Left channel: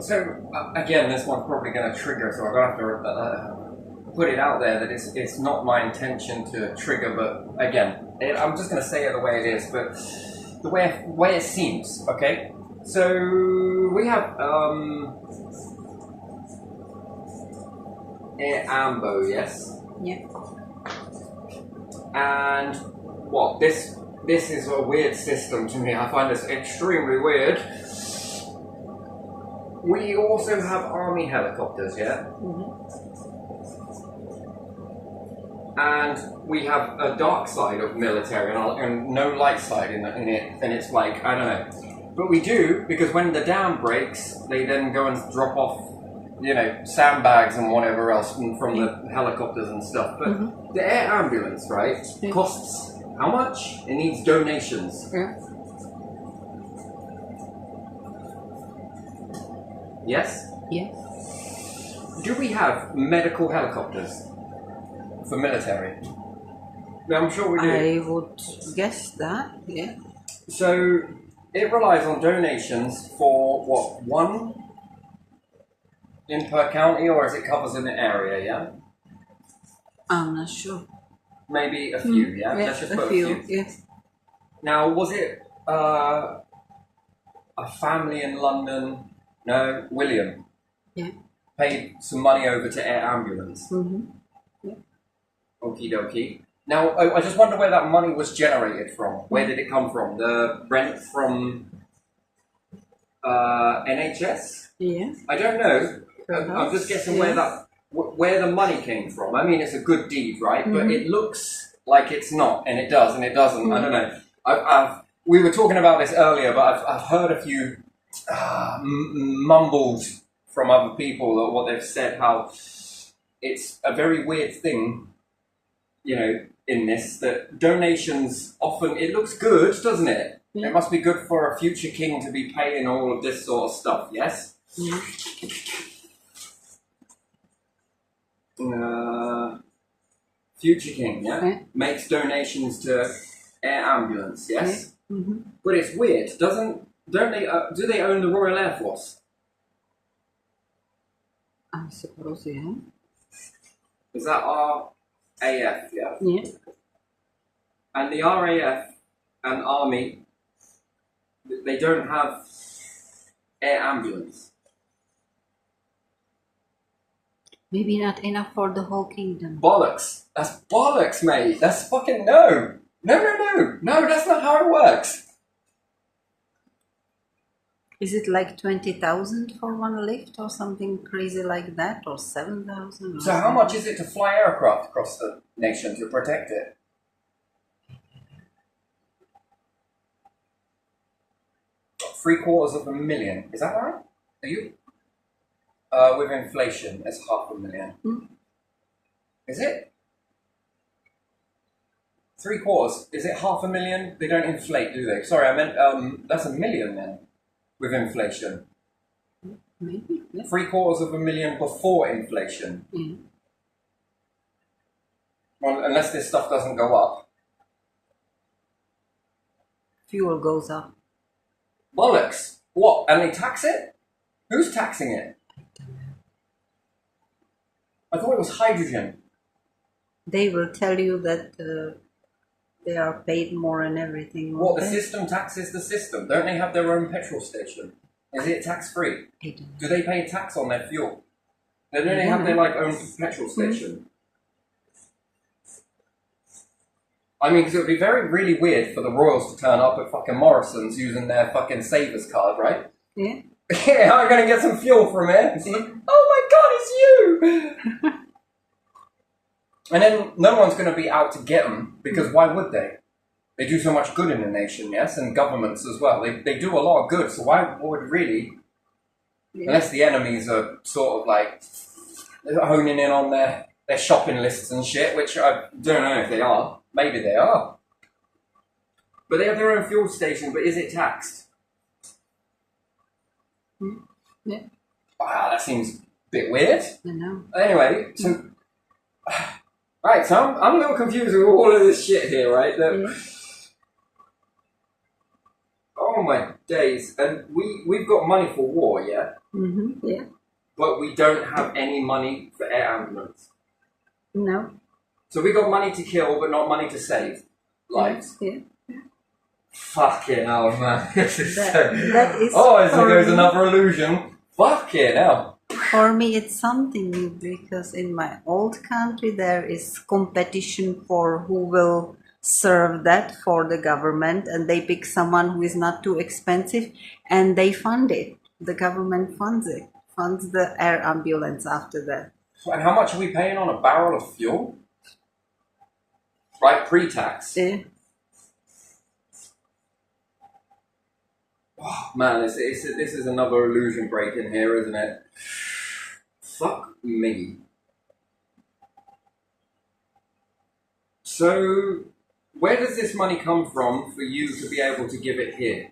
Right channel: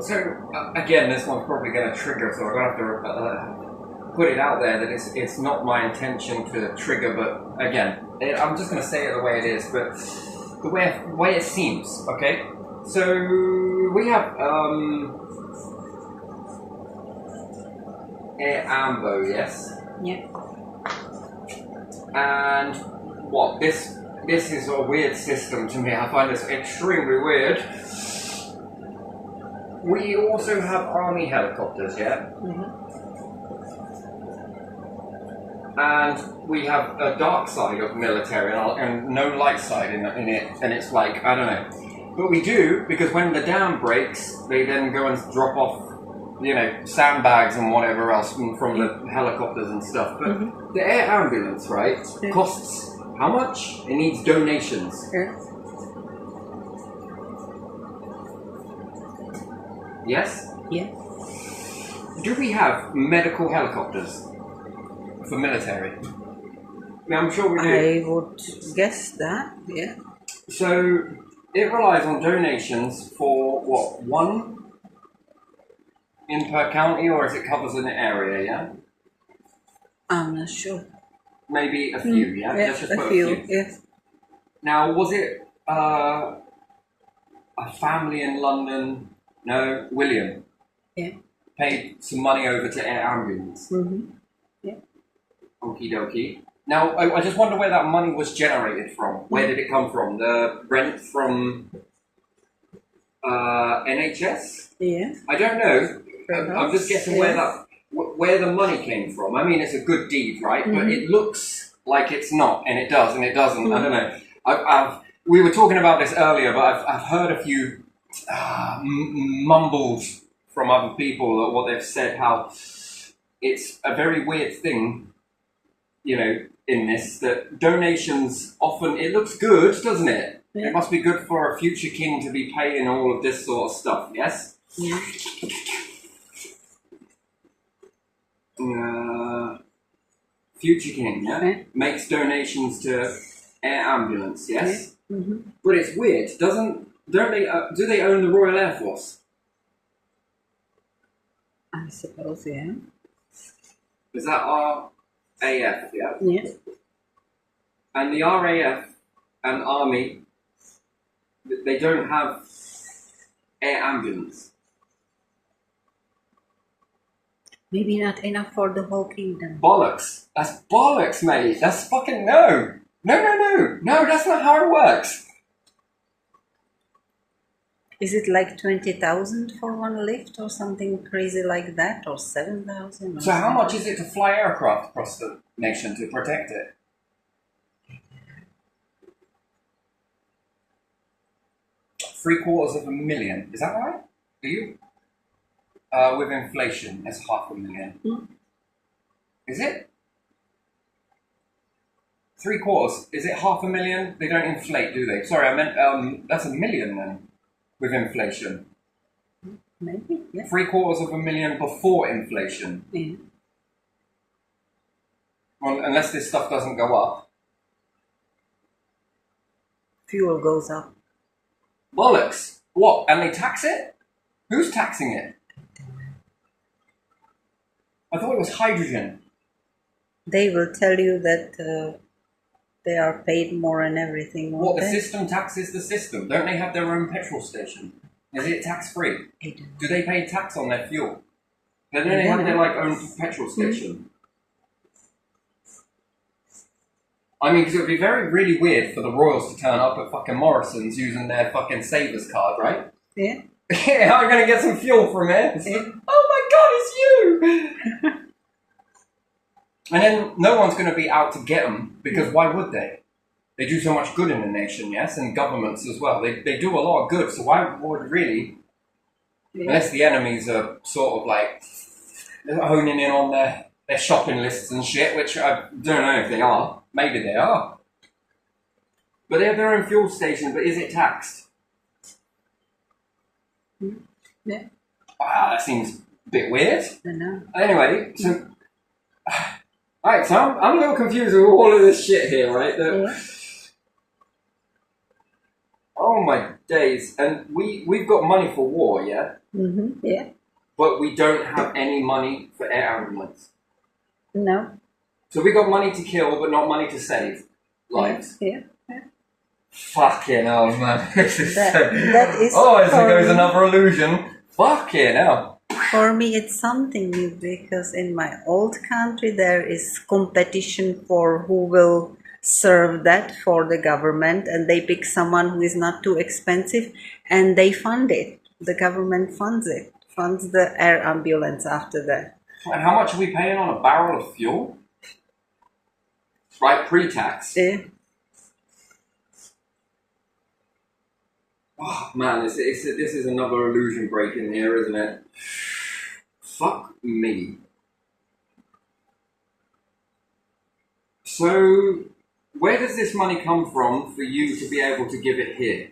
So again, this one's probably going to trigger, so I'm going to have to put it out there that it's not my intention to trigger, but again, I'm just going to say it the way it is, but the way it seems. Okay, so we have Air Ambo, yes. Yeah. And what this is a weird system to me. I find this extremely weird. We also have army helicopters, yeah? Mm-hmm. And we have a dark side of military and no light side in it. And it's like, I don't know. But we do, because when the dam breaks, they then go and drop off, sandbags and whatever else from the helicopters and stuff. But the air ambulance, right, costs how much? It needs donations. Yeah. Yes? Yeah. Do we have medical helicopters for military? Now, I'm sure we do. I would guess that, yeah. So, it relies on donations for, what, one in per county, or is it covers an area, yeah? I'm not sure. Maybe a few, yeah? Yeah, Let's just a put few, yes. Now, was it a family in London? No, William. Yeah. Paid some money over to Air Ambulance. Mm-hmm. Yeah. Okie dokie. Now, I just wonder where that money was generated from. Where did it come from? The rent from NHS? Yes. I don't know. I'm just guessing where the money came from. I mean, it's a good deed, right? But it looks like it's not, and it does, and it doesn't. I don't know. We were talking about this earlier, but I've heard a few mumbles from other people what they've said, how it's a very weird thing, in this, that donations often, it looks good, doesn't it? Yeah. It must be good for a future king to be paying all of this sort of stuff, yes? Yeah. Future king, yeah? Yeah. Makes donations to Air Ambulance, yes? Yeah. Mm-hmm. But it's weird, do they own the Royal Air Force? I suppose, yeah. Is that RAF, yeah? Yeah. And the RAF and Army, they don't have air ambulance. Maybe not enough for the whole kingdom. Bollocks. That's bollocks, mate. That's fucking no. No, that's not how it works. Is it like 20,000 for one lift or something crazy like that, or 7,000? So how much is it to fly aircraft across the nation to protect it? $750,000. Is that right? Are you? With inflation, it's $500,000. Is it? $750,000. Is it $500,000? They don't inflate, do they? Sorry, I meant that's $1 million then, with inflation. Maybe, yeah. $750,000 before inflation. Yeah. Well, unless this stuff doesn't go up. Fuel goes up. Bollocks. What? And they tax it? Who's taxing it? I thought it was hydrogen. They will tell you that they are paid more and everything. What, the won't they? system taxes the system? Don't they have their own petrol station? Is it tax-free? I don't know. Do they pay tax on their fuel? Don't they Yeah. have their own petrol station? I mean, because it would be really weird for the royals to turn up at fucking Morrison's using their fucking Savers card, right? Yeah. Yeah, I'm going to get some fuel from it. It's like, oh my god, it's you! And then no one's going to be out to get them, because why would they? They do so much good in the nation, yes, and governments as well. They do a lot of good, so why would really, unless the enemies are sort of like honing in on their shopping lists and shit, which I don't know if they are. Maybe they are. But they have their own fuel station, but is it taxed? Yeah. Wow, that seems a bit weird. I know. Anyway, so... Alright, so I'm a little confused with all of this shit here, right? Yeah. Oh my days. And we've got money for war, yeah? Yeah. But we don't have any money for air ambulance. No. So we got money to kill, but not money to save lives. Yeah. Fucking hell, man. This is That is oh, as for there goes me. another illusion. Fucking hell. For me, it's something new because in my old country there is competition for who will serve that for the government, and they pick someone who is not too expensive, and they fund it. The government funds it, funds the air ambulance after that. And how much are we paying on a barrel of fuel? Right, pre-tax. Yeah. Oh, man, this is another illusion breaking here, isn't it? Fuck me. So, where does this money come from for you to be able to give it here?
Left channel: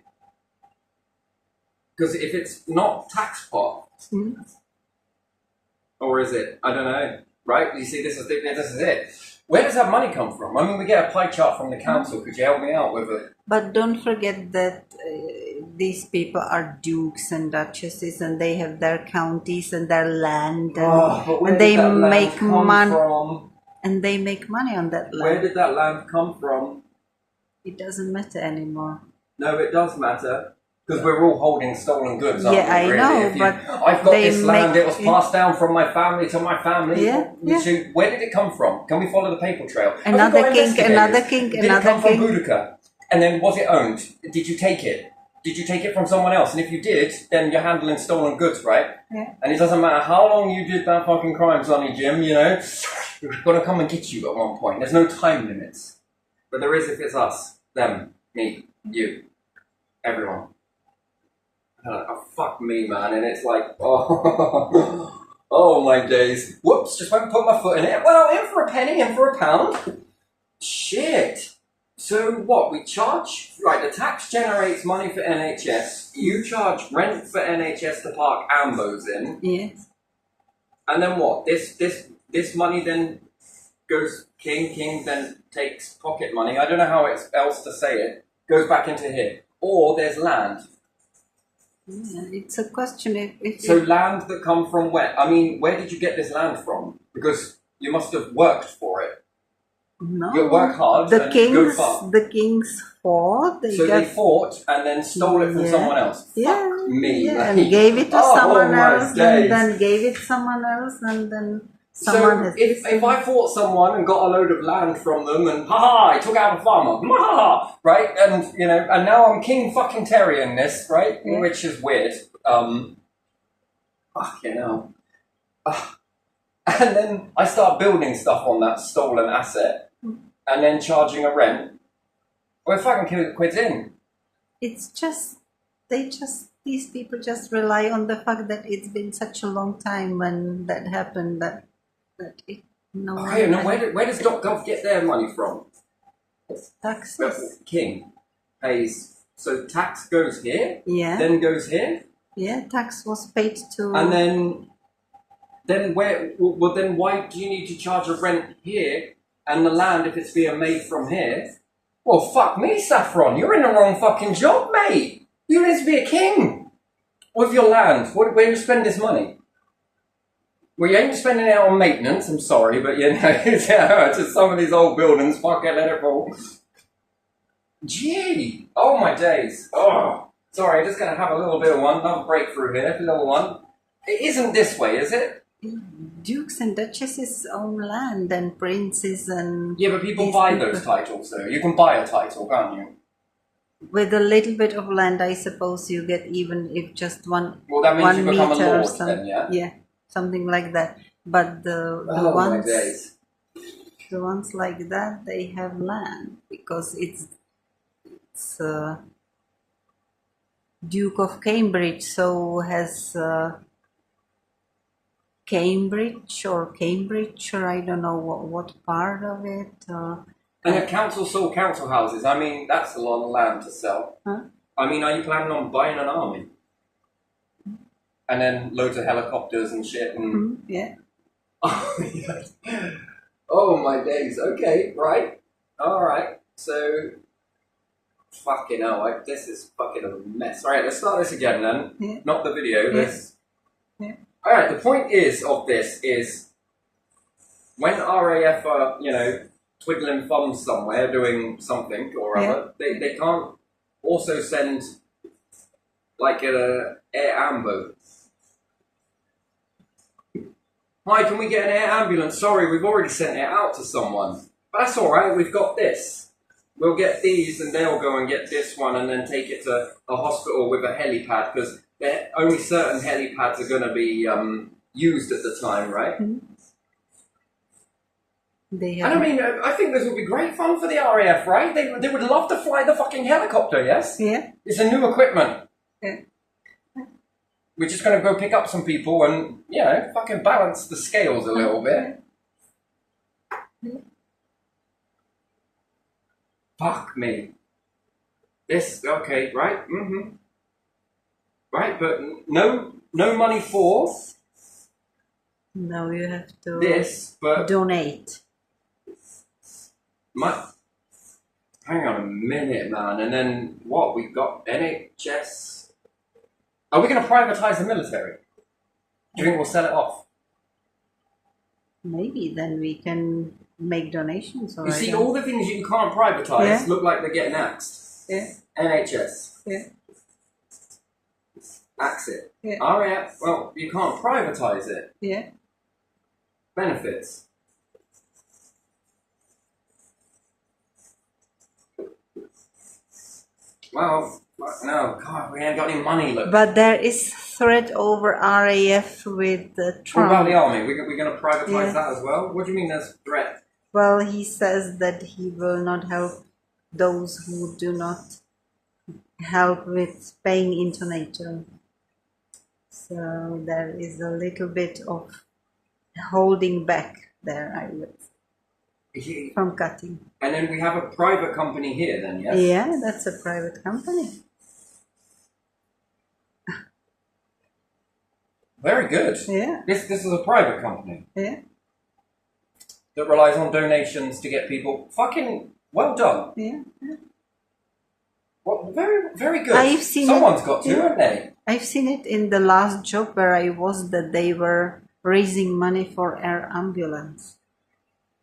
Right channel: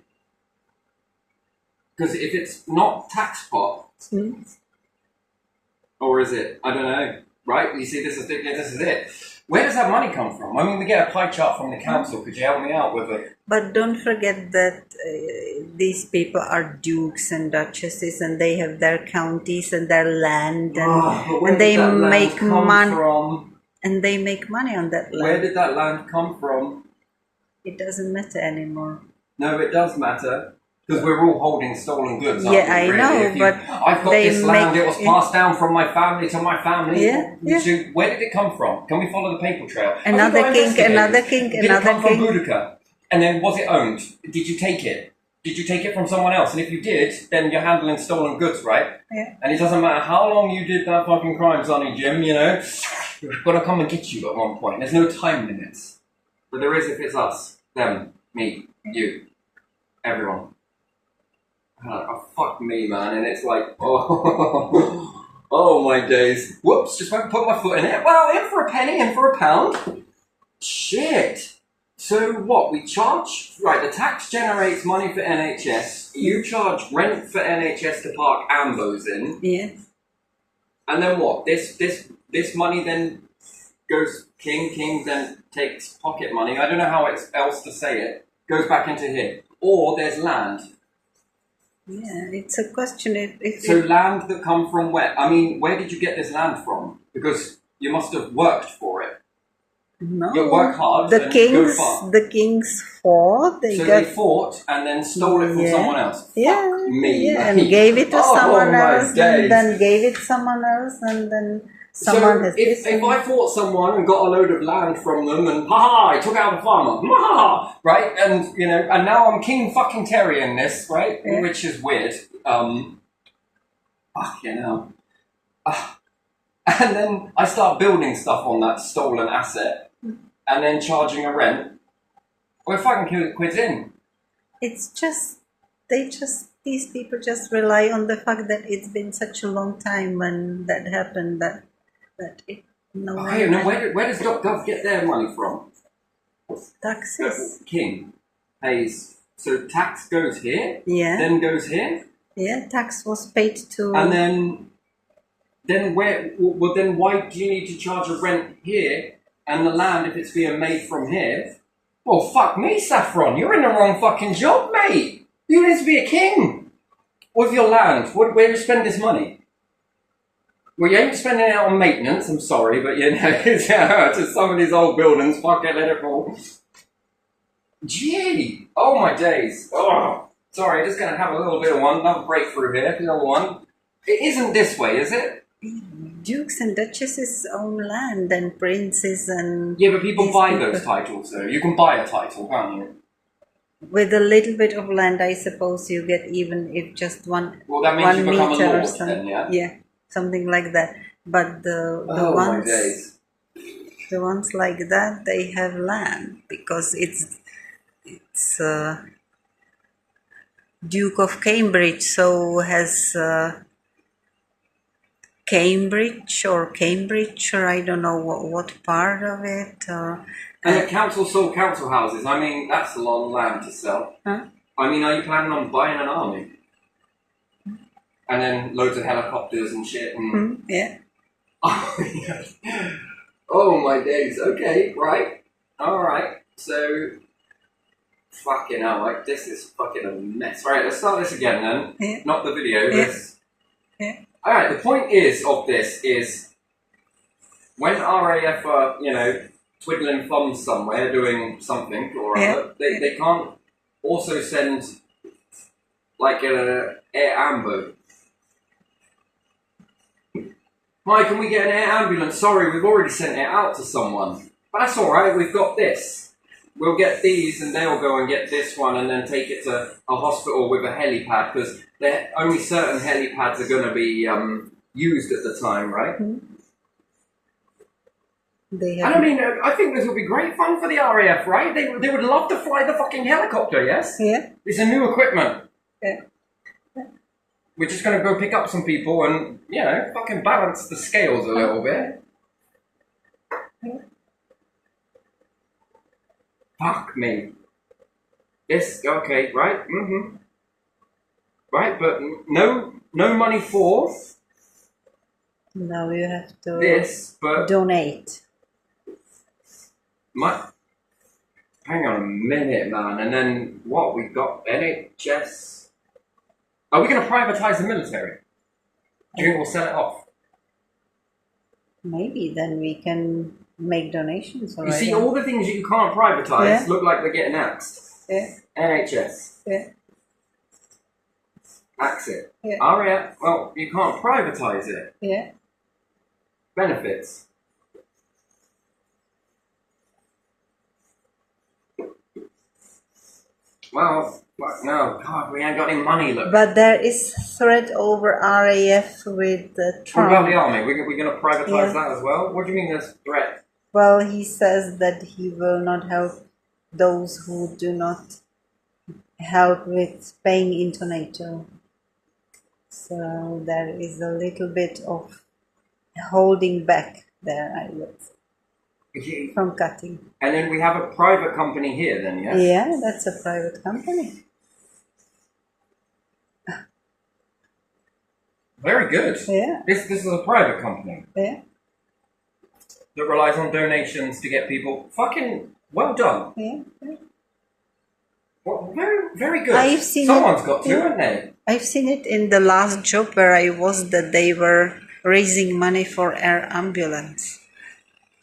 Because if it's not tax pot, or is it? I don't know. Right? You see, this is it. Where does that money come from? I mean, we get a pie chart from the council. Could you help me out with it? But don't forget that these people are dukes and duchesses, and they have their counties and their land, and they make money. And they make money on that land. Where did that land come from? It doesn't matter anymore. No, it does matter. Because we're all holding stolen goods. Yeah, I know, but I've got this land. It was passed down from my family to my family. Yeah. So where did it come from? Can we follow the paper trail? Another king. Did it come from Boudica? And then was it owned? Did you take it? Did you take it from someone else? And if you did, then you're handling stolen goods, right? Yeah. And it doesn't matter how long you did that fucking crime, Sonny Jim, you know, we're going to come and get you at one point. There's no time limits. But there is if it's us, them, me, you, everyone. Oh, fuck me, man. And it's like, oh, oh my days. Whoops, just went and put my foot in it. Well, in for a penny, in for a pound. Shit. So what, we charge, right, the tax generates money for NHS. You charge rent for NHS to park ambos in. Yes. And then what? This money then goes, King then takes pocket money. I don't know how else to say it. Goes back into here. Or there's land. Yeah, it's a question So land that come from where? I mean, where did you get this land from? Because you must have worked for it. No. You work hard. The kings fought. They fought and then stole it from someone else. Yeah. Fuck me. Yeah, and gave it to someone else, days. and then gave it to someone else, and then someone so has if I fought someone and got a load of land from them, and I took out a farmer, right? And you know, and now I'm king fucking Terry in this, right? Yeah. Which is weird. You know. And then I start building stuff on that stolen asset, and then charging a rent. Well, fucking quid's in. It's just these people just rely on the fact that it's been such a long time when that happened that it no one. I don't know where does .gov get their money from? Taxes. King pays. So tax goes here. Yeah. Then goes here. Yeah, tax was paid to. And then where? Well, then why do you need to charge a rent here and the land if it's being made from here? Well, fuck me, Saffron. You're in the wrong fucking job, mate. You need to be a king with your land. Where do you spend this money? Well, you ain't spending it on maintenance. I'm sorry, but you know, just some of these old buildings. Fucking let it fall. Gee, oh my days. Oh, sorry. Just gonna have a little bit of another breakthrough here. Another one. It isn't this way, is it? Dukes and duchesses own land and princes and... Yeah, but people buy those titles, though. You can buy a title, can't you? With a little bit of land, I suppose you get even if just one. Well, that means 1 you become a meter or lord something. then, yeah? Yeah, something like that. But the ones like that, they have land because it's Duke of Cambridge, so has Cambridge, or I don't know what part of it. And the council sold council houses. I mean, that's a lot of land to sell. Huh? I mean, are you planning on buying an army? And then loads of helicopters and shit. And... Yeah. Oh my days. Okay, right. All right. So, Fucking hell, like, this is fucking a mess. Alright, let's start this again then. Yeah. Not the video. Yeah. Yeah. Alright, the point of this is when RAF are, twiddling thumbs somewhere doing something or other, they can't also send like a air ambo. Hi, can we get an air ambulance? Sorry, we've already sent it out to someone. But that's alright, we've got this. We'll get these and they'll go and get this one and then take it to a hospital with a helipad because only certain helipads are going to be used at the time, right? They And have. I mean, I think this would be great fun for the RAF, right? They would love to fly the fucking helicopter, yes? Yeah. It's a new equipment. Yeah. We're just going to go pick up some people and, fucking balance the scales a little bit. Fuck me. This, okay, right? Mm-hmm. Right, but no money for Now you have to this, but donate. hang on a minute, man. And then what? We got NHS. Are we going to privatize the military? Do you think we'll sell it off? Maybe then we can make donations. You see, all the things you can't privatize look like they're getting axed. Yeah. NHS. Yeah. Axe it. Yeah. RAF, well, you can't privatize it. Yeah. Benefits. Well, no, God, we ain't got any money, look. But there is threat over RAF with What Trump. about the army? We're going to privatize Yeah. that as well? What do you mean there's threat? Well, he says that he will not help those who do not help with paying into NATO. So there is a little bit of holding back there, I would say, from cutting. And then we have a private company here then, yes? Yeah, that's a private company. Very good. Yeah, This is a private company yeah, that relies on donations to get people. Fucking well done. yeah. Well, very, very good. I've seen Someone's it. got to, Yeah. haven't they? I've seen it in the last job where I was, that they were raising money for air ambulance.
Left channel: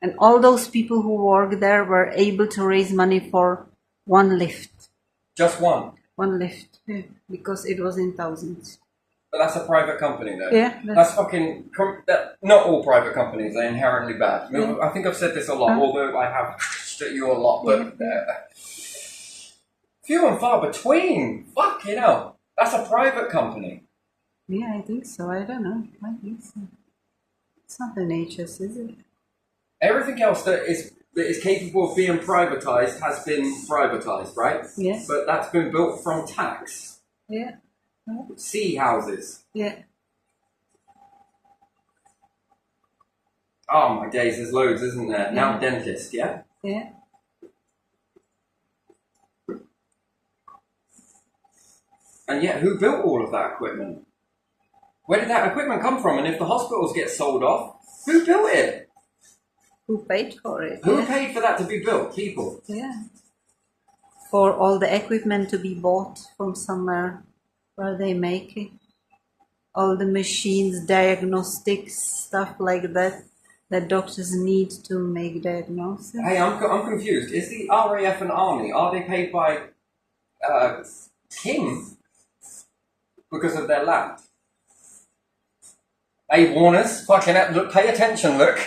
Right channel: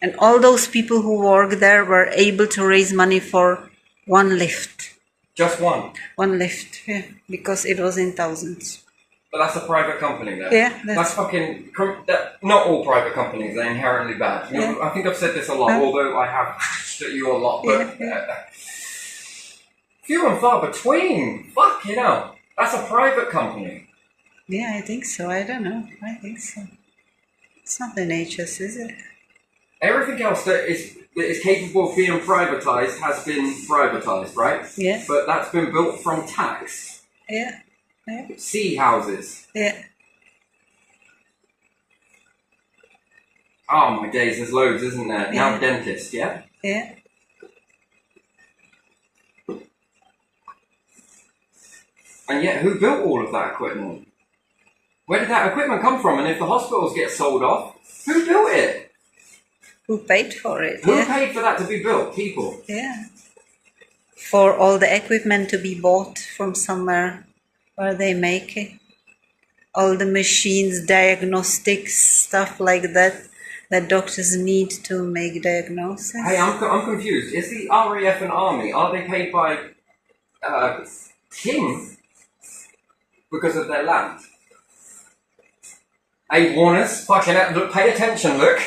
And all those people who work there were able to raise money for one lift. Just one. One lift, yeah, because it was in thousands. But that's a private company there. Yeah, That's fucking... not all private companies are inherently bad. Yeah. I think I've said this a lot, although I have at you a lot. But few and far between. Fuck, that's a private company. Yeah, I think so. I don't know. I think so. It's not the NHS, is it? Everything else that is capable of being privatized has been privatized, right? Yeah, But that's been built from tax. yeah, yeah, Sea houses. yeah. Oh my days, there's loads, isn't there? Now Yeah. dentist, yeah? Yeah. And yet, who built all of that equipment? Where did that equipment come from? And if the hospitals get sold off, who built it? Who paid for it? Who Yeah, paid for that to be built? People. yeah. For all the equipment to be bought from somewhere where they make it. All the machines, diagnostics, stuff like that, that doctors need to make diagnosis. Hey, I'm confused. Is the RAF and Army, are they paid by Kim because of their land? Hey, Warners, fucking hell, look, pay attention, look.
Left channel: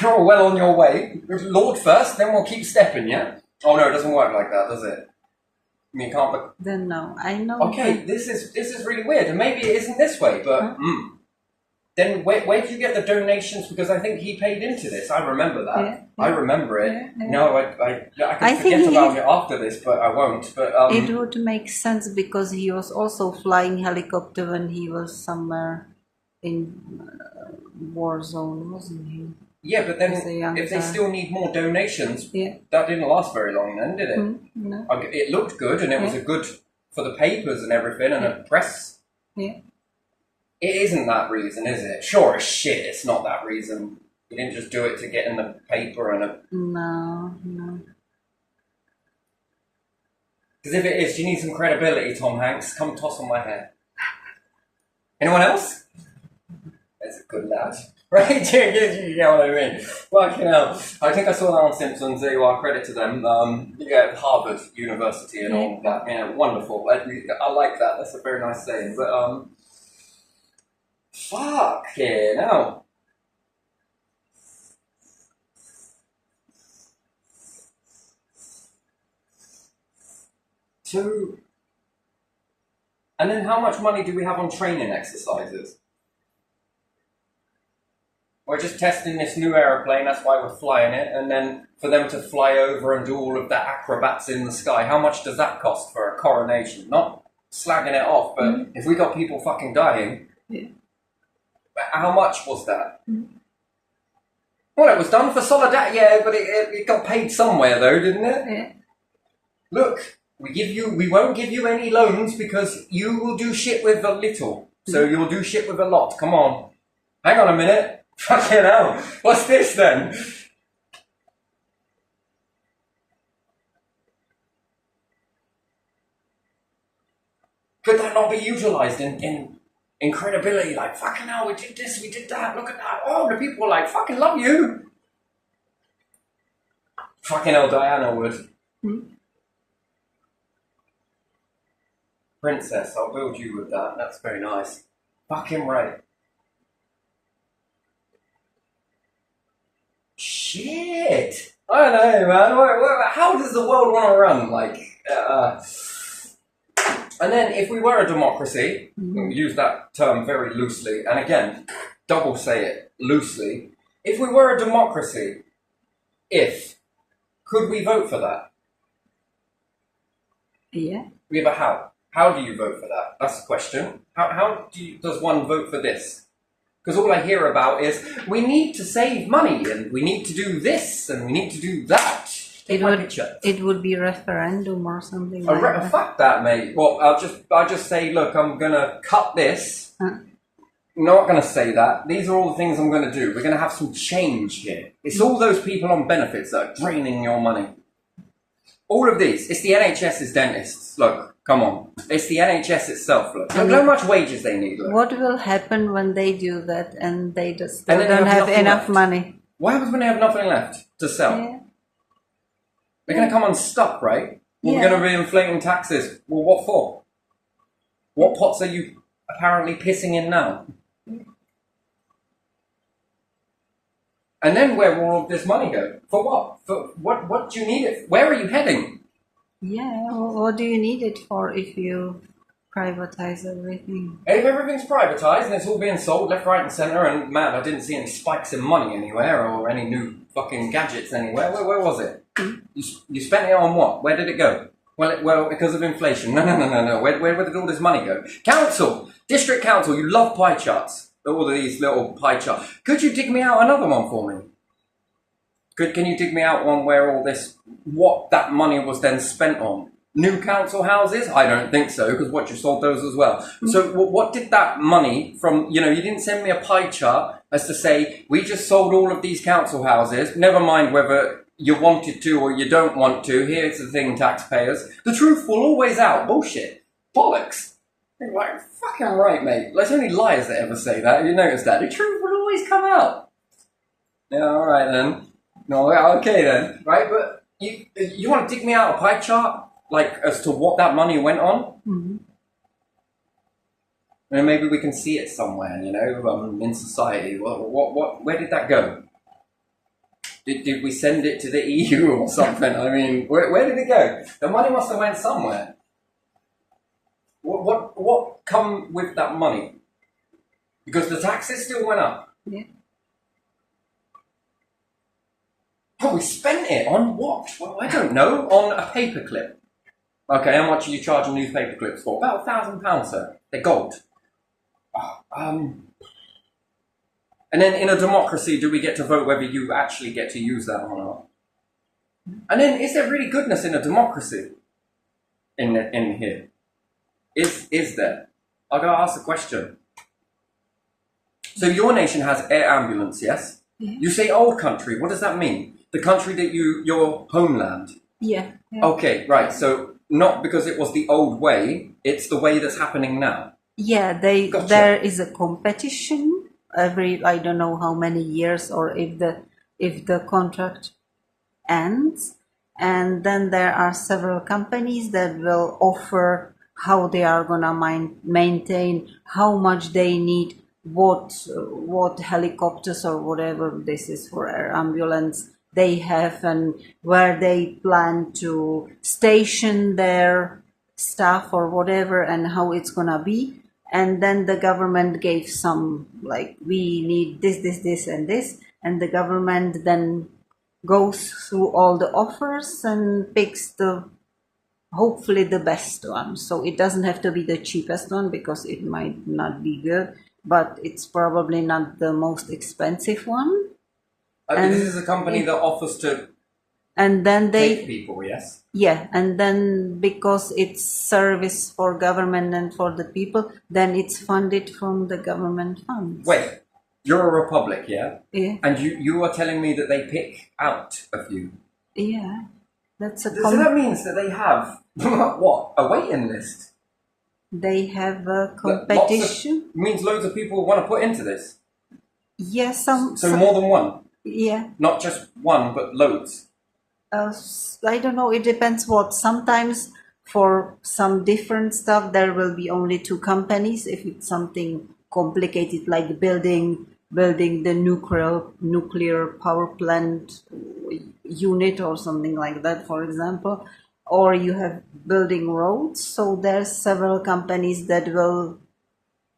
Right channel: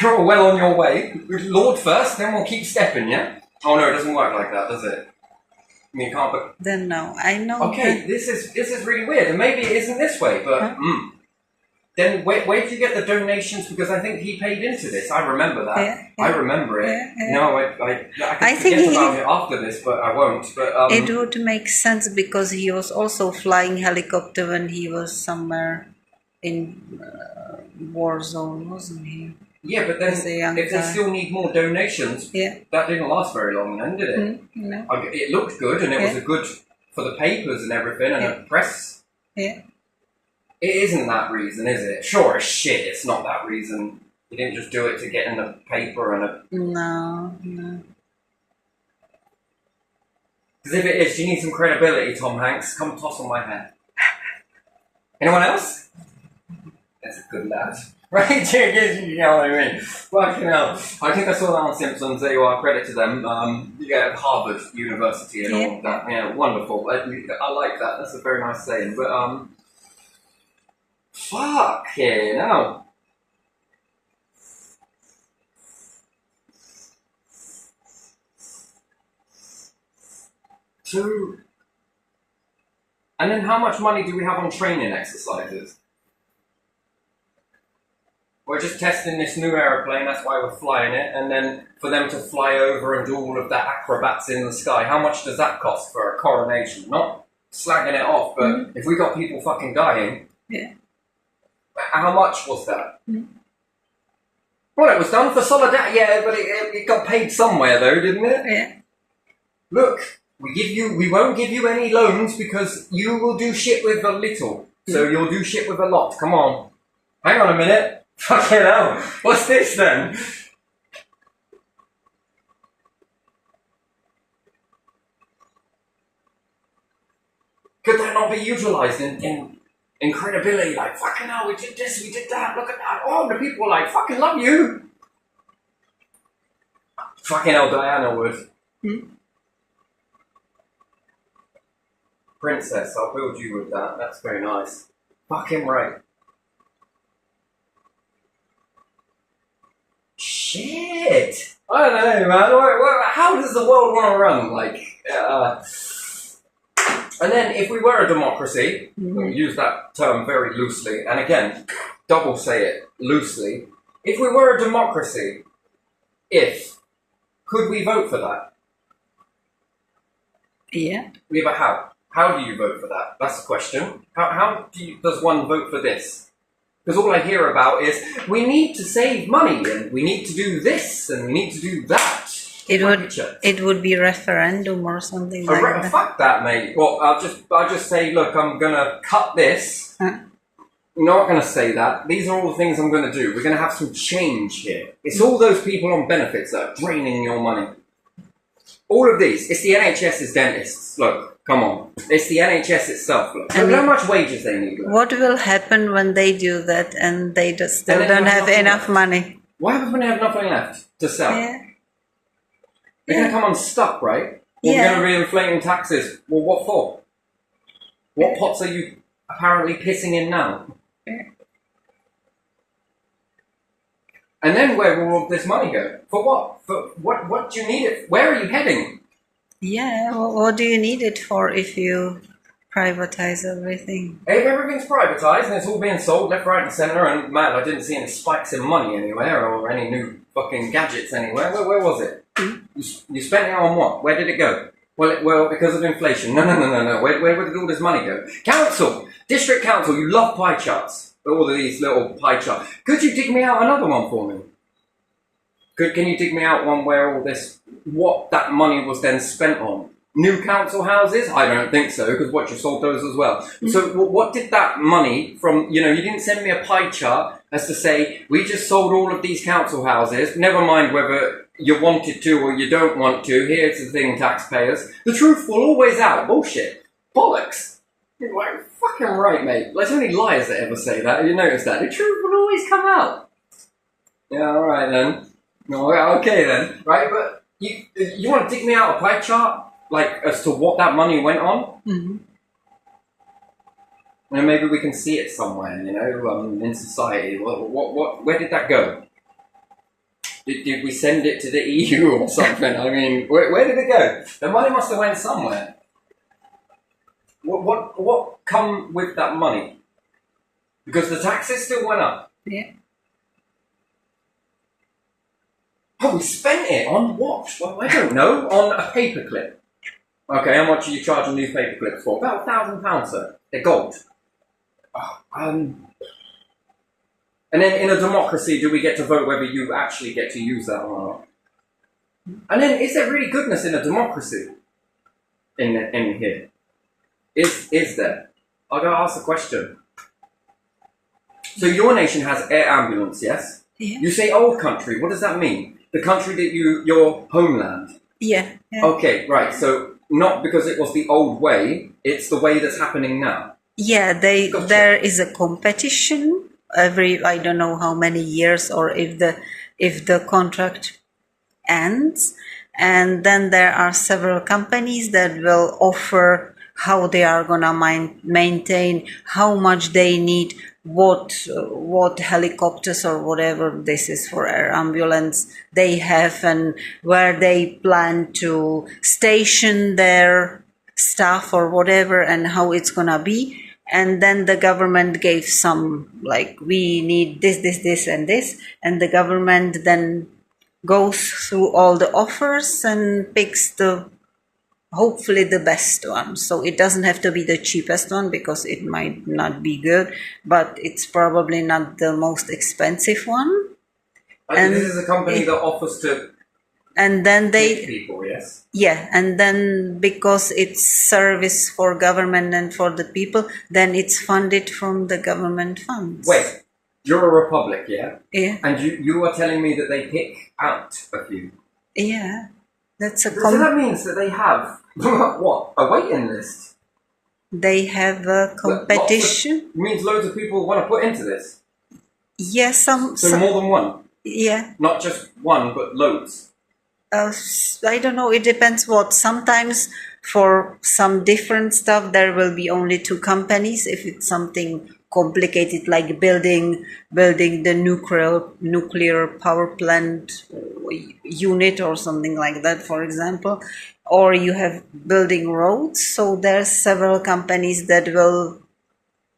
You're well on your way. Lord first, then we'll keep stepping, yeah? Oh no, it doesn't work like that, does it? I mean, you can't... Then no, I know. Okay, this is really weird, and maybe it isn't this way, but... Then where did you get the donations? Because I think he paid into this. I remember that. Yeah, yeah. I remember it. Yeah, yeah. No, I I could think forget he- about it after this, but I won't. But It would make sense because he was also flying helicopter when he was somewhere in war zone, wasn't he? yeah, but then as a young if they guy. still need more donations, Yeah. that didn't last very long then, did it? No. It looked good, and it was Yeah. a good for the papers and everything, and the press. Yeah. It isn't that reason, is it? Sure as shit, it's not that reason. You didn't just do it to get in the paper and No. Because Because if it is, you need some credibility, Tom Hanks. Come toss on my head. Anyone else? That's a good lad. Right? You know what I mean? Fucking hell. I think I saw that on Simpsons. There you are. Credit to them. Harvard University and all of that. Yeah, wonderful. I like that. That's a very nice saying. But, fucking hell. So, and then how much money do we have on training exercises? We're just testing this new aeroplane, that's why we're flying it, and then for them to fly over and do all of the acrobats in the sky, how much does that cost for a coronation? Not slagging it off, but if we got people fucking dying, how much was that? Well, it was done for solidarity, yeah, but it got paid somewhere though, didn't it? Yeah. Look, we won't give you any loans because you will do shit with a little, so you'll do shit with a lot. Come on. Hang on a minute. Fucking hell. What's this then? Could that not be utilised in credibility? Like, fucking hell, we did this, we did that, look at that. Oh, the people are like, fucking love you. Fucking hell, Diana would. Princess, I'll build you with that. That's very nice. Fucking right. Shit! I don't know, man. How does the world want to run? And then, if we were a democracy, we'll use that term very loosely, and again, double say it loosely. If we were a democracy, could we vote for that? Yeah. Yeah, but how? How do you vote for that? That's the question. How does one vote for this? Because all I hear about is, we need to save money, and we need to do this, and we need to do that. It would be referendum or something like that. Fuck that, mate. Well, I'll just say, look, I'm gonna cut this. I'm not gonna say that. These are all the things I'm gonna do. We're gonna have some change here. It's all those people on benefits that are draining your money. All of these. It's the NHS's dentists. Look. Come on. It's the NHS itself. Look how much wages they need. Look. What will happen when they do that and they just still don't have enough money? What happens when they have nothing left to sell? Yeah. They're going to come unstuck, right? We're going to be inflating taxes. Well, what for? What pots are you apparently pissing in now? And then where will all this money go? For what? For what do you need it? Where are you heading? Yeah, well, what do you need it for if you privatize everything? If everything's privatised and it's all being sold left, right and centre, and man, I didn't see any spikes in money anywhere or any new fucking gadgets anywhere. Where was it? You spent it on what? Where did it go? Well, because of inflation. No. Where did all this money go? Council! District Council, you love pie charts. All of these little pie charts. Could you dig me out another one for me? Can you dig me out one where what that money was then spent on? New council houses? I don't think so, because what, you sold those as well. So what did that money from, you didn't send me a pie chart as to say, we just sold all of these council houses, never mind whether you wanted to or you don't want to, here's the thing, taxpayers. The truth will always out. Bullshit. Bollocks. Like, fucking right, mate. There's only liars that ever say that. You notice that? The truth will always come out. Yeah, alright then. No, okay then, right? But you want to dig me out a pie chart, like as to what that money went on? And maybe we can see it somewhere, in society. Where did that go? Did we send it to the EU or something? I mean, where did it go? The money must have went somewhere. What come with that money? Because the taxes still went up. Yeah. Oh, we spent it on what? Well, I don't know. On a paperclip. Okay, how much are you charging newspaper clips for? About £1,000, sir. They're gold. And then in a democracy, do we get to vote whether you actually get to use that or not? And then, is there really goodness in a democracy? In here? Is there? I've got to ask the question. So your nation has air ambulance, yes? Yeah. You say old country. What does that mean? The country that your homeland. Yeah. Okay, right. So not because it was the old way, it's the way that's happening now. Yeah, Gotcha. there is a competition every, I don't know how many years, or if the contract ends, and then there are several companies that will offer how they are gonna maintain, how much they need, what helicopters or whatever this is for air ambulance they have, and where they plan to station their staff or whatever, and how it's gonna be. And then the government gave some, like, we need this and this, and the government then goes through all the offers and picks hopefully the best one. So it doesn't have to be the cheapest one, because it might not be good, but it's probably not the most expensive one. And this is a company that offers to and then take people, yes? Yeah, and then because it's service for government and for the people, then it's funded from the government funds. Wait, you're a republic, yeah? Yeah. And you are telling me that they pick out a few? Yeah, that's a So that means that they have, what, a waiting list? they have a competition. Means loads of people want to put into this? Yeah, So more than one? Yeah. Not just one, but loads? I don't know, it depends what. Sometimes for some different stuff there will be only two companies. If it's something complicated like building the nuclear power plant unit or something like that, for example, or you have building roads, so there's several companies that will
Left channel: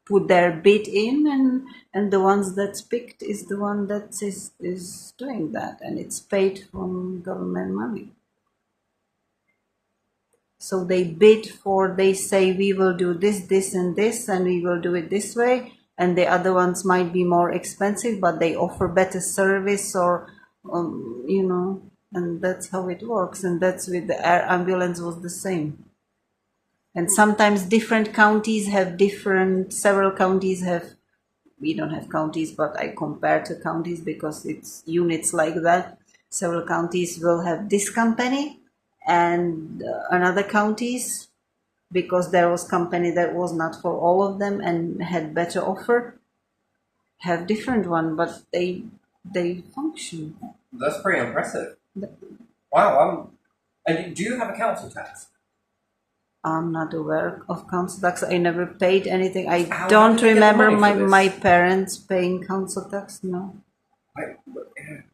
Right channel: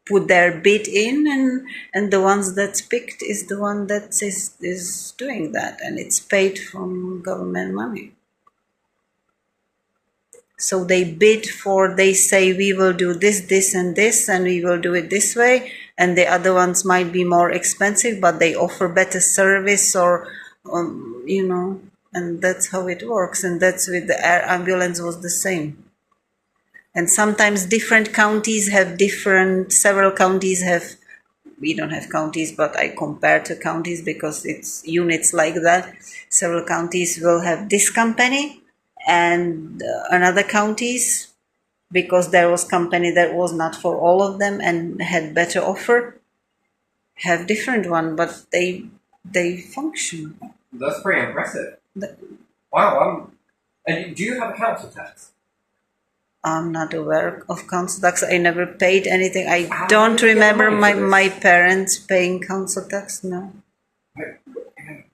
put their bid in, and the ones that's picked is the one that is doing that, and it's paid from government money. So they bid for, they say we will do this and this, and we will do it this way, and the other ones might be more expensive, but they offer better service, or and that's how it works. And that's with the air ambulance was the same. And sometimes different counties have several counties have, we don't have counties, but I compare to counties because it's units like that. Several counties will have this company, and another counties, because there was company that was not for all of them and had better offer, have different one, but they function. That's pretty impressive. Wow. And do you have a council tax? I'm not aware of council tax. I never paid anything. I don't remember my parents paying council tax. No.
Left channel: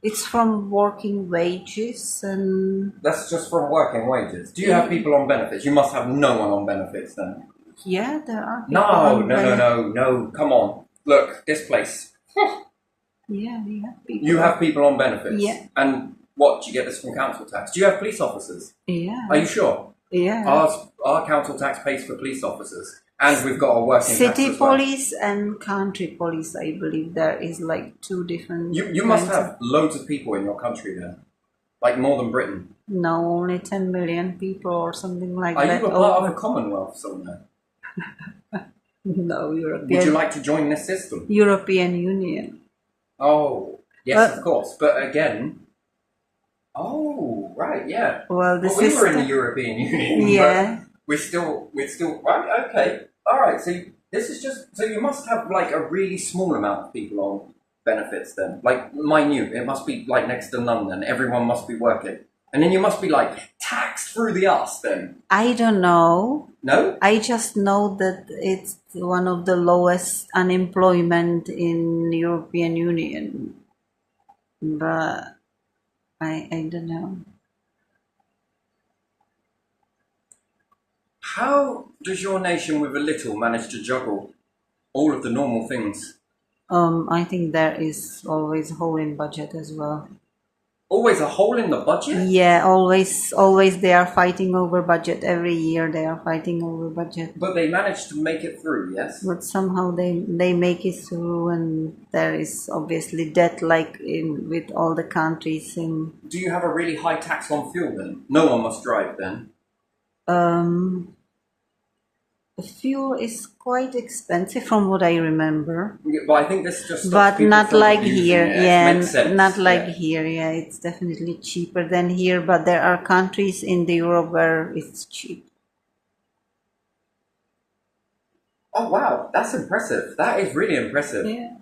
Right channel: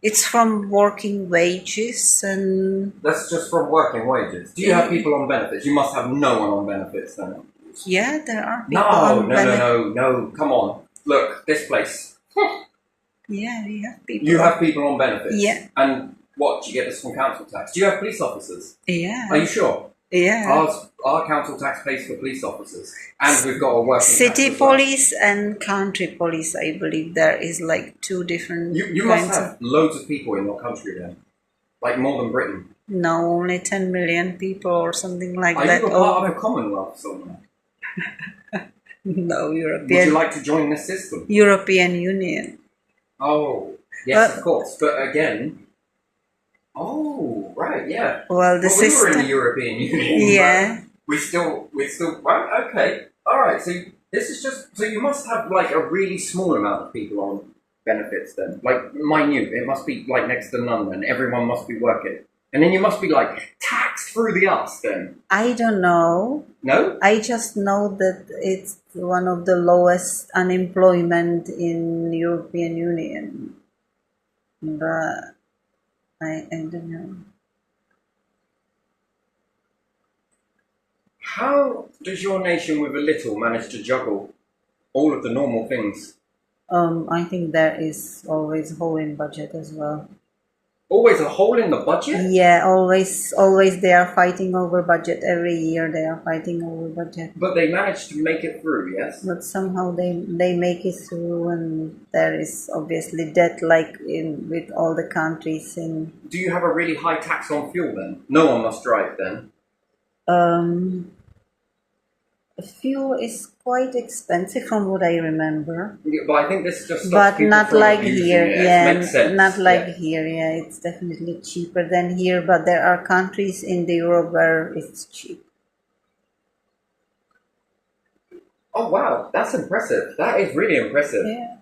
It's from working wages, and that's just from working wages. Do you have people on benefits? You must have no one on benefits then. Yeah, there are people on benefits. No. Come on. Look, this place. Yeah, we have people. You have people on benefits? Yeah. And what, do you get this from council tax? Do you have police officers? Yeah. Are you sure? Yeah. Our council tax pays for police officers, and we've got a working city tax police and country police. I believe there is like two different. You must have loads of people in your country then, like more than Britain. No, only 10 million people or something like that. Are you a part of a Commonwealth somewhere? No, European. Would you like to join this system? European Union. Oh, yes, of course. But again. Oh, right, yeah. Well, the system. We were in the European Union. Yeah. We're still, right, okay. All right, so this is just, so you must have like a really small amount of people on benefits then. Like minute, it must be like next to none then. Everyone must be working. And then you must be like taxed through the arse then. I don't know. No? I just know that it's one of the lowest unemployment in European Union. But I don't know. How does your nation with a little manage to juggle all of the normal things? I think there is always a hole in budget as well. Always a hole in the budget? Yeah, always they are fighting over budget. Every year they are fighting over budget. But they manage to make it through, yes? But somehow they make it through, and there is obviously debt like with all the countries in. Do you have a really high tax on fuel then? No one must drive then? Fuel is quite expensive from what I remember. Yeah, but I think this just but not like here. Yeah, not like yeah. here. Yeah, it's definitely cheaper than here. But there are countries in the Europe where it's cheap. Oh wow, that's impressive. That is really impressive. Yeah.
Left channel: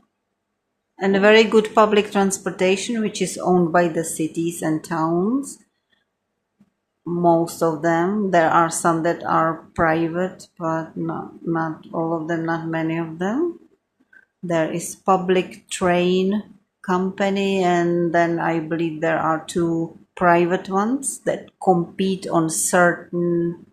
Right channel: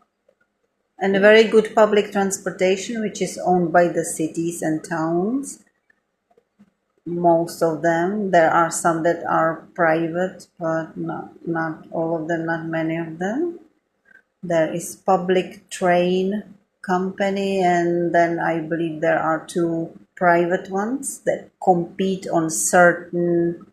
And a very good public transportation, which is owned by the cities and towns. Most of them. There are some that are private, but not all of them, not many of them. There is public train company, and then I believe there are two private ones that compete on certain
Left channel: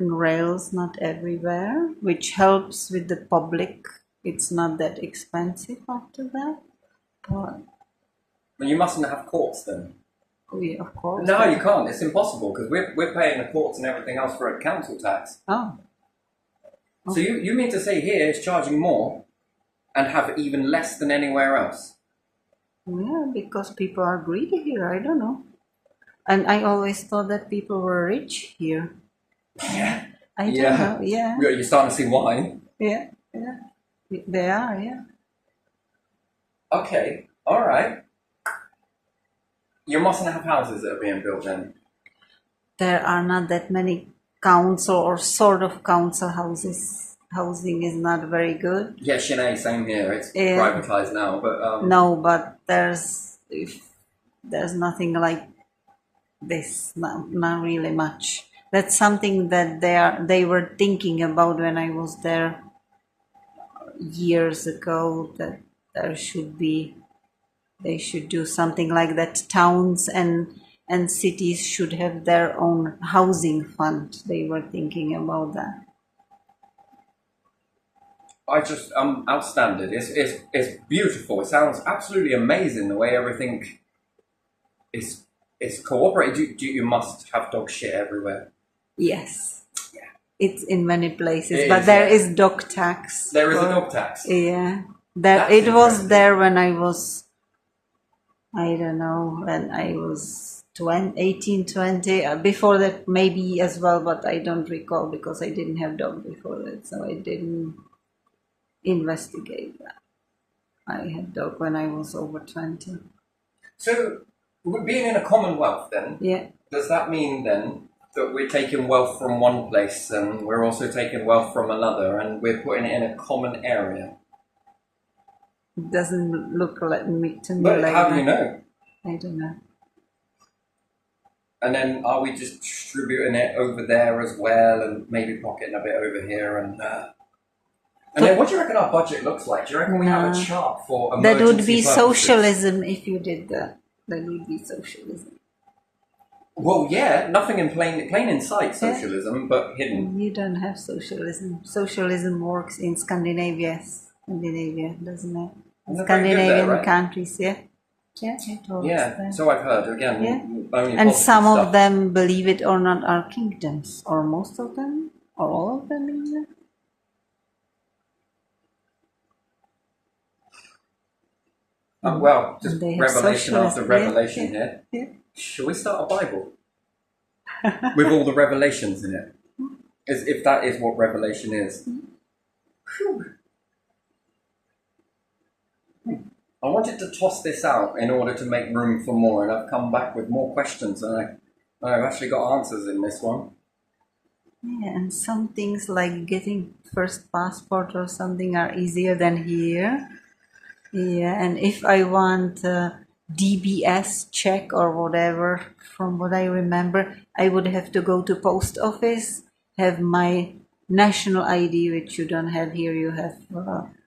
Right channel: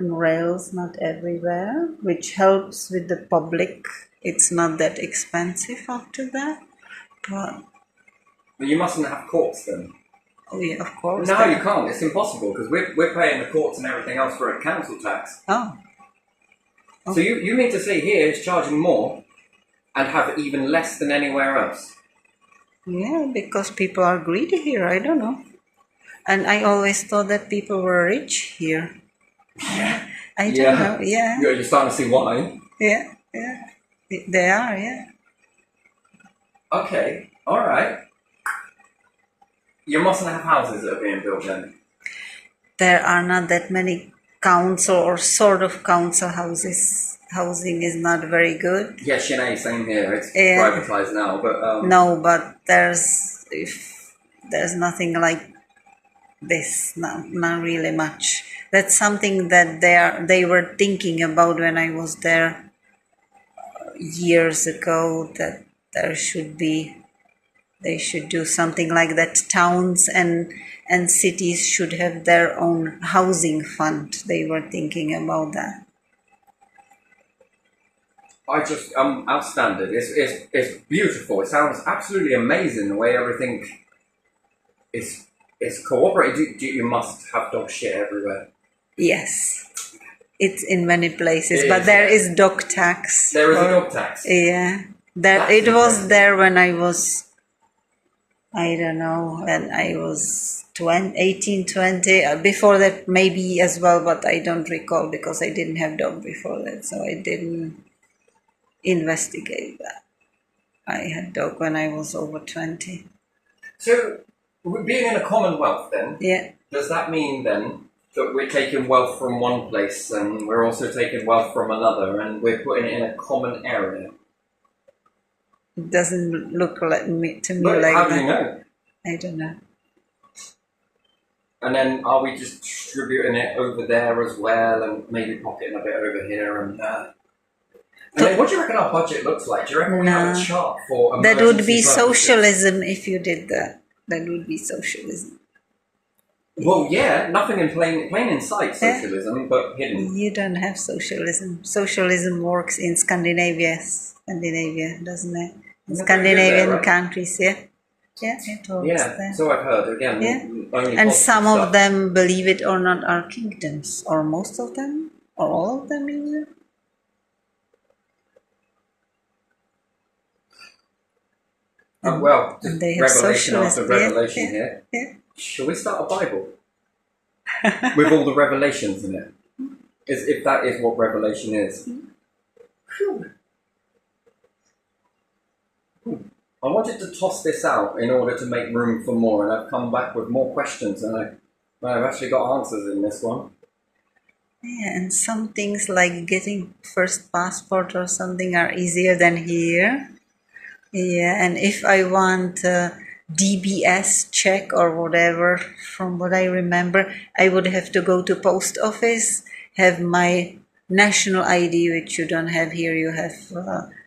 rails, not everywhere, which helps with the public. It's not that expensive after that, but But you mustn't have courts then. oh yeah, of course. No, you can't. It's impossible because we're paying the courts and everything else for a council tax. Oh, So you mean to say here it's charging more and have even less than anywhere else? yeah, because people are greedy here. I don't know. And I always thought that people were rich here. I don't know. Yeah, You're starting to see why. yeah. They are, yeah. Okay, all right. You mustn't have houses that are being built then. There are not that many council or sort of council houses. Housing is not very good. Yeah, Chennai, same here. It's Yeah. privatized now, but No, but there's nothing like this. Not really much. That's something that they were thinking about when I was there years ago. That they should do something like that. Towns and cities should have their own housing fund. They were thinking about that. I'm outstanding. It's beautiful. It sounds absolutely amazing the way everything is cooperated. You must have dog shit everywhere. Yes, it's in many places, It but is, there yeah. is dog tax. There is a dog tax. Yeah, That's it was interesting. there when I was, I don't know, when I was 18, 20. Before that, maybe as well, but I don't recall because I didn't have dog before that, so I didn't investigate that. I had dog when I was over 20. So, being in a commonwealth, then Yeah, does that mean then that we're taking wealth from one place and we're also taking wealth from another, and we're putting it in a common area? it doesn't look like to me But like how that. do you know? I don't know. And then are we just distributing it over there as well, and maybe pocketing a bit over here and there? And then what do you reckon our budget looks like? Do you reckon we have a chart for That would emergency be purposes? socialism if you did that. That would be socialism. Well, yeah, nothing in plain in sight socialism, but hidden. You don't have socialism. Socialism works in Scandinavia, doesn't it? In Not very good Scandinavian there, right? countries, yeah. Yeah, it works Yeah, there. so I've heard. Again, Yeah. only And positive some stuff. of them, believe it or not, are kingdoms, or most of them, or all of them even. Well, just And they have revelation after socialism, yeah, revelation yeah, here. yeah. Shall we start a Bible with all the revelations in it? As if that is what revelation is. Phew. I wanted to toss this out in order to make room for more, and I've come back with more questions, and I've actually got answers in this one. Yeah, and some things like getting first passport or something are easier than here. Yeah, and if I want DBS check or whatever, from what I remember, I would have to go to post office, have my national ID, which you don't have here. You have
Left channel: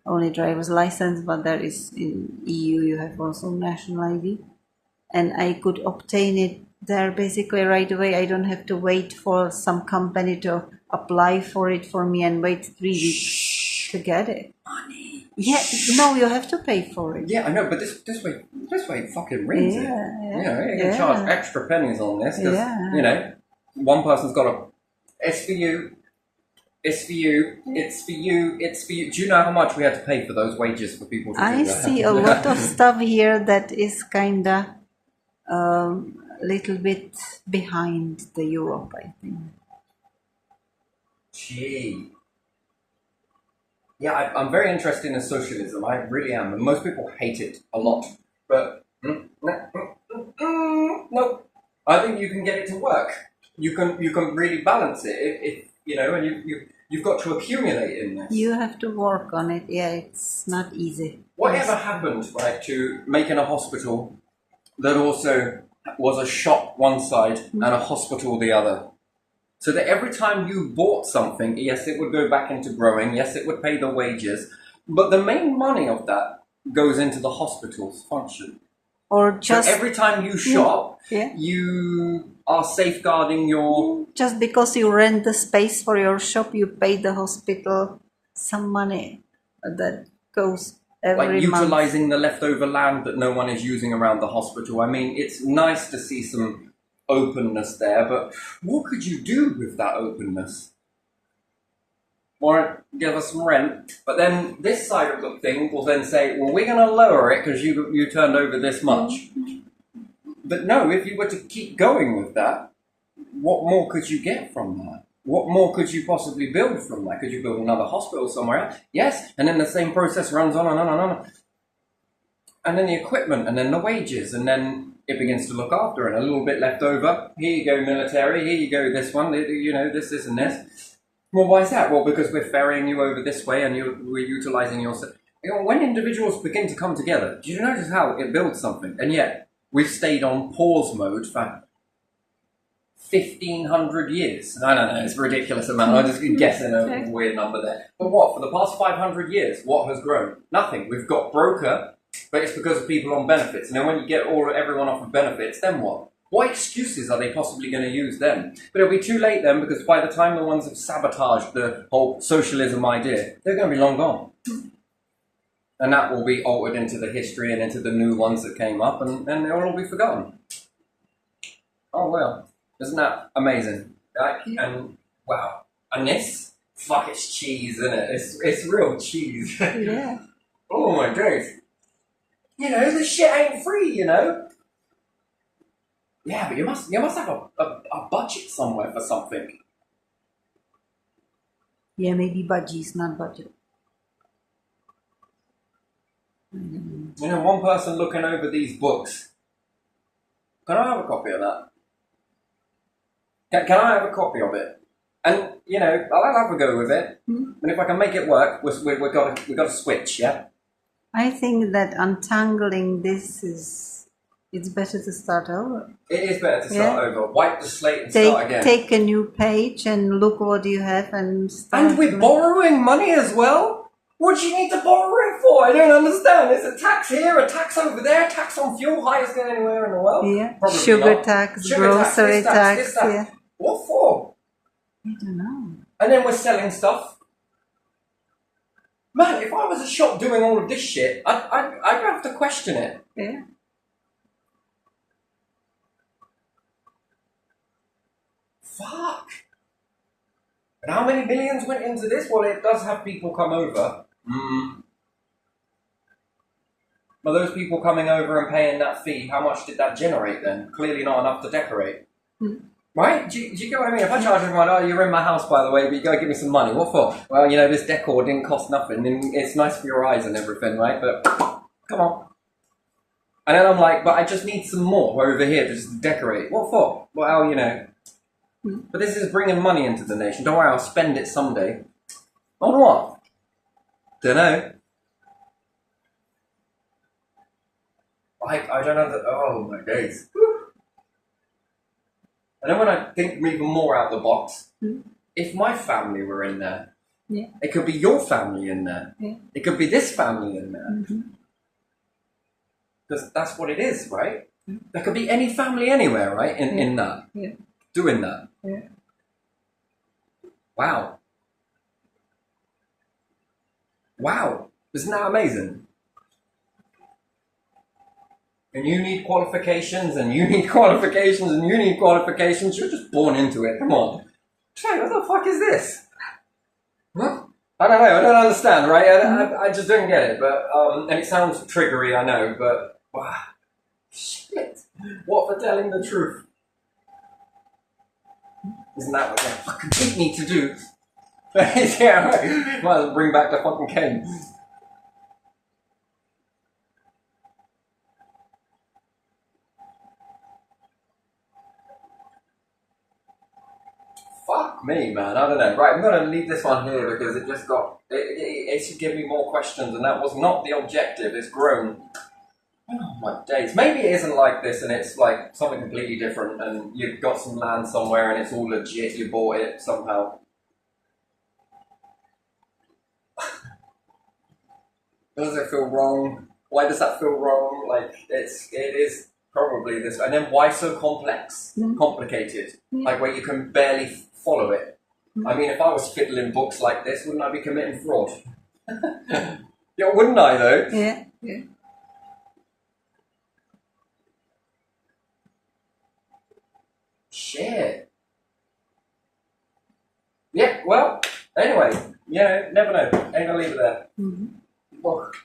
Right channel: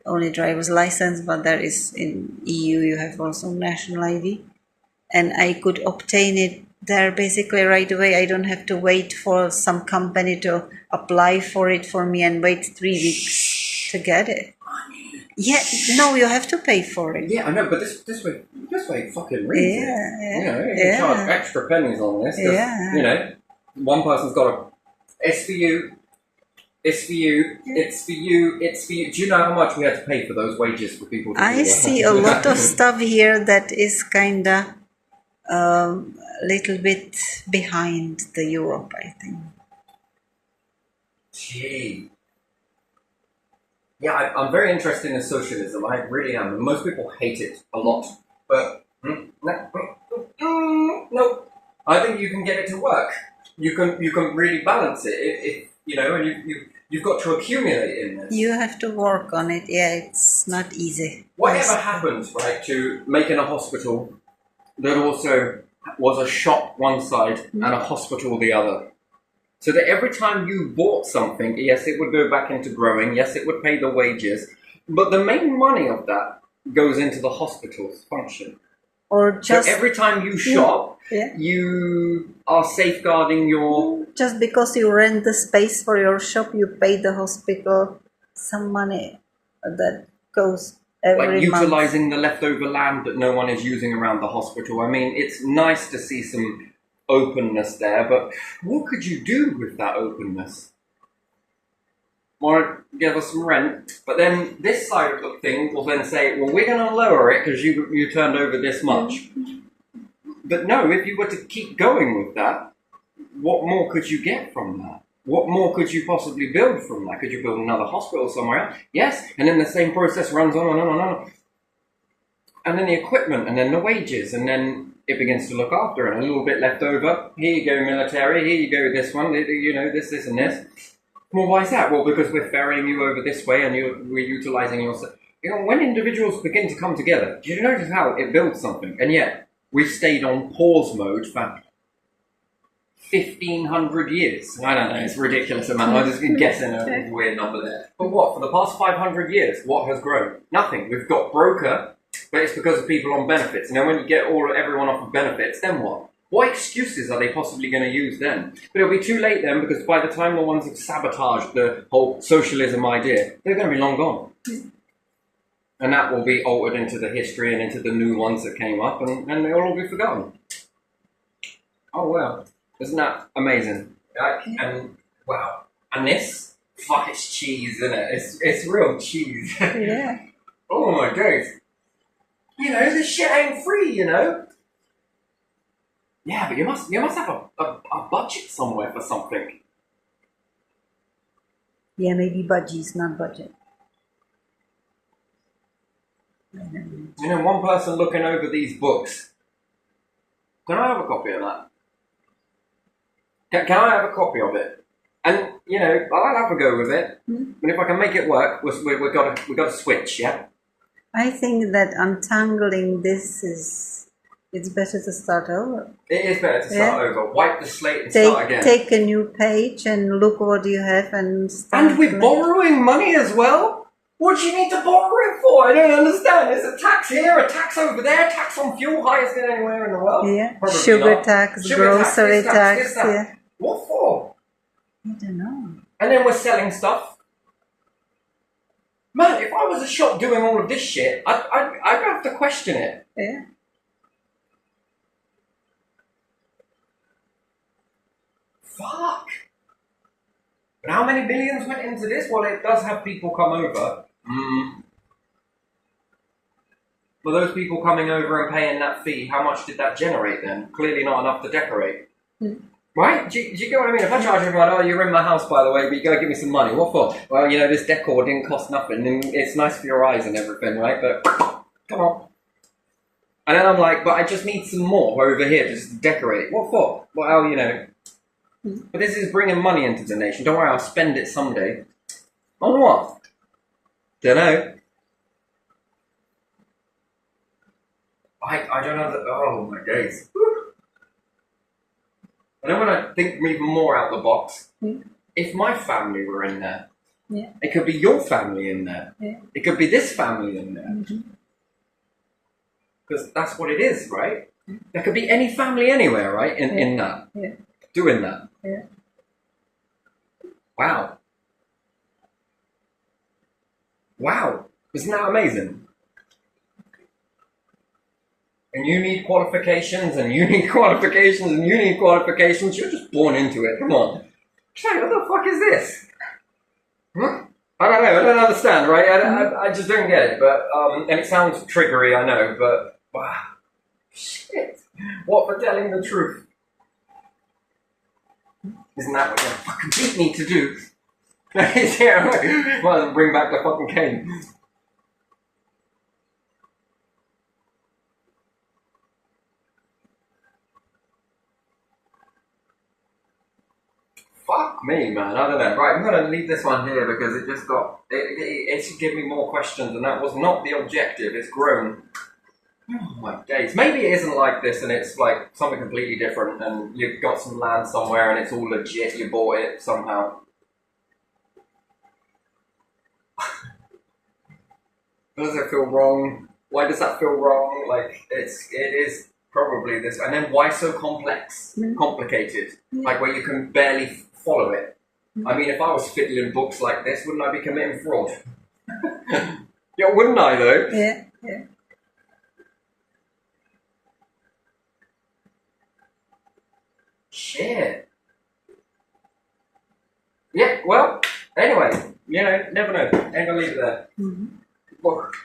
only driver's license, but there is in EU you have also national ID, and I could obtain it there basically right away. I don't have to wait for some company to apply for it for me and wait 3 weeks to get it. Yeah, no, you have to pay for it. Yeah, I know, but this way fucking rings it. You know, you can charge extra pennies on this. 'Cause, Yeah. you know, one person's got a. It's for you. It's for you. It's for you. It's for you. Do you know how much we had to pay for those wages for people to do I that? see a lot of stuff here that is kinda little bit behind the Europe, I think. Gee. Yeah, I'm very interested in socialism. I really am. And most people hate it a lot. But no, I think you can get it to work. You can really balance it. If you know, and You've got to accumulate in this. You have to work on it. Yeah, it's not easy. Whatever Yes. happens, right, to making a hospital that also was a shop one side and a hospital the other. So that every time you bought something, yes, it would go back into growing, yes, it would pay the wages, but the main money of that goes into the hospital's function. Or just So every time you shop, yeah. you are safeguarding your... Just because you rent the space for your shop, you pay the hospital some money that goes every like month. utilizing the leftover land that no one is using around the hospital. I mean, it's nice to see some openness there, but what could you do with that openness? Or give us some rent, but then this side of the thing will then say, well, we're going to lower it because you turned over this much. But no, if you were to keep going with that, what more could you get from that? What more could you possibly build from that? Could you build another hospital somewhere else? Yes, and then the same process runs on and on and on. And then the equipment, and then the wages, and then it begins to look after, and a little bit left over. Here you go, military. Here you go, this one. You know, this, and this. Well, why is that? Well, because we're ferrying you over this way, and we're utilizing your... You know, when individuals begin to come together, do you notice how it builds something? And yet, we've stayed on pause mode for 1,500 years. I don't know, it's a ridiculous amount. I'm just guessing a weird number there. But what, for the past 500 years, what has grown? Nothing. We've got broker, but it's because of people on benefits. And then when you get everyone off of benefits, then what? What excuses are they possibly going to use then? But it'll be too late then, because by the time the ones have sabotaged the whole socialism idea, they're going to be long gone. And that will be altered into the history and into the new ones that came up, and they'll all be forgotten. Oh, well. Isn't that amazing? And, wow. And this? Fuck, it's cheese, isn't it? It's real cheese. Yeah. Oh, my days. You know, this shit ain't free, you know? Yeah, but you must have a budget somewhere for something. Yeah, maybe budgies, not budget. I don't know. You know, one person looking over these books. Can I have a copy of that? Can I have a copy of it? And, you know, I'll have a go with it. But if I can make it work, we've got to switch, yeah? I think that untangling this it's better to start over. It is better to start over. Wipe the slate and start again. Take a new page and look what you have and start. And we're borrowing money as well? What do you need to borrow it for? I don't understand. There's a tax here, a tax over there, tax on fuel, highest than anywhere in the world. Yeah, Probably sugar not. tax, Sugar grocery tax. this tax. Yeah. What for? I don't know. And then we're selling stuff. Man, if I was a shop doing all of this shit, I'd have to question it. Yeah. Fuck. And how many millions went into this? Well, it does have people come over. Well, those people coming over and paying that fee, how much did that generate then? Clearly not enough to decorate. Right? Do you get what I mean? If I charge everyone, oh, you're in my house, by the way, but you gotta give me some money. What for? Well, you know, this decor didn't cost nothing, and it's nice for your eyes and everything, right? But, come on. And then I'm like, but I just need some more over here to just decorate. What for? Well, you know. But this is bringing money into the nation. Don't worry, I'll spend it someday. On what? Dunno. I don't know that. Oh my days. And then when I think even more out the box, if my family were in there, it could be your family in there. It could be this family in there. Because that's what it is, right? There could be any family anywhere, right? In that. Doing that. Wow. Wow. Isn't that amazing? And you need qualifications, and you need qualifications, and you need qualifications. You're just born into it. Come on. Hey, what the fuck is this? Huh? I don't know. I don't understand, right? I just don't get it. But and it sounds triggery, I know. But wow, shit! What for telling the truth? Isn't that what you fucking did need to do? Yeah, right. Might as well bring back the fucking cane. Fuck Me, man, I don't know. Right, I'm going to leave this one here because it just got. It should give me more questions, and that was not the objective. It's grown. Oh my days. Maybe it isn't like this, and it's like something completely different, and you've got some land somewhere, and it's all legit. You bought it somehow. Does it feel wrong? Why does that feel wrong? Like it is probably this, and then why so complex, complicated? Yeah. Like where you can barely follow it. I mean, if I was fiddling books like this, wouldn't I be committing fraud? Yeah, wouldn't I though? Yeah, yeah. Shit. Yeah. Well. Anyway, never know. Ain't gonna leave it there. Mhm. Book.